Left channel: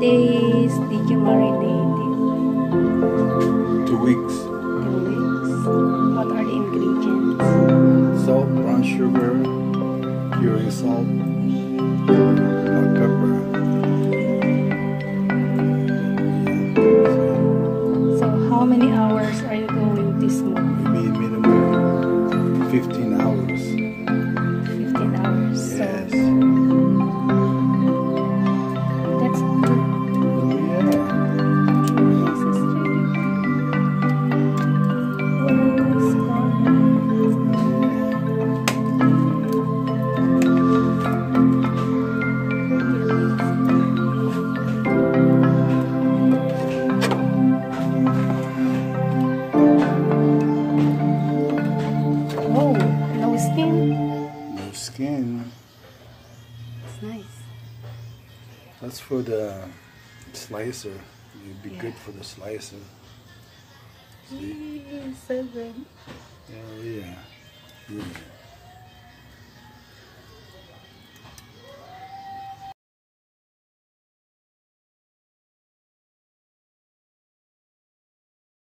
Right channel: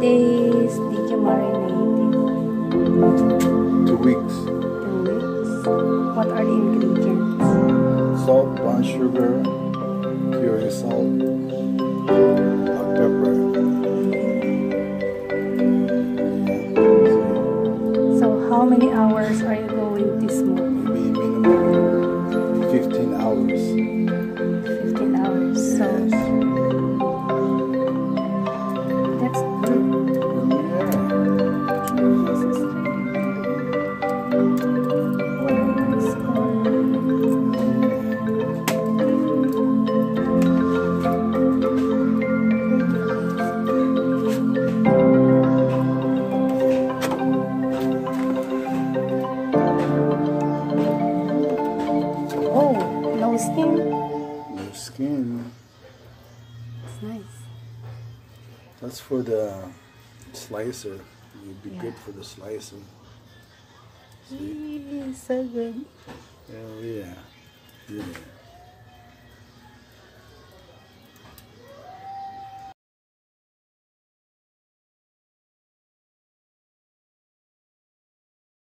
days did you marinate it? 2 weeks. 2 weeks. What are the ingredients? Salt, brown sugar, curing salt, black pepper. So how many hours are you going to smoke? Maybe minimum 15 hours. 15 hours. Yes. So that's good. Yeah. This is really good. What is Oh, no skin. No skin. It's nice. That's for the slicer. It'd be good for the slicer. See? So good. Hell yeah. Yeah.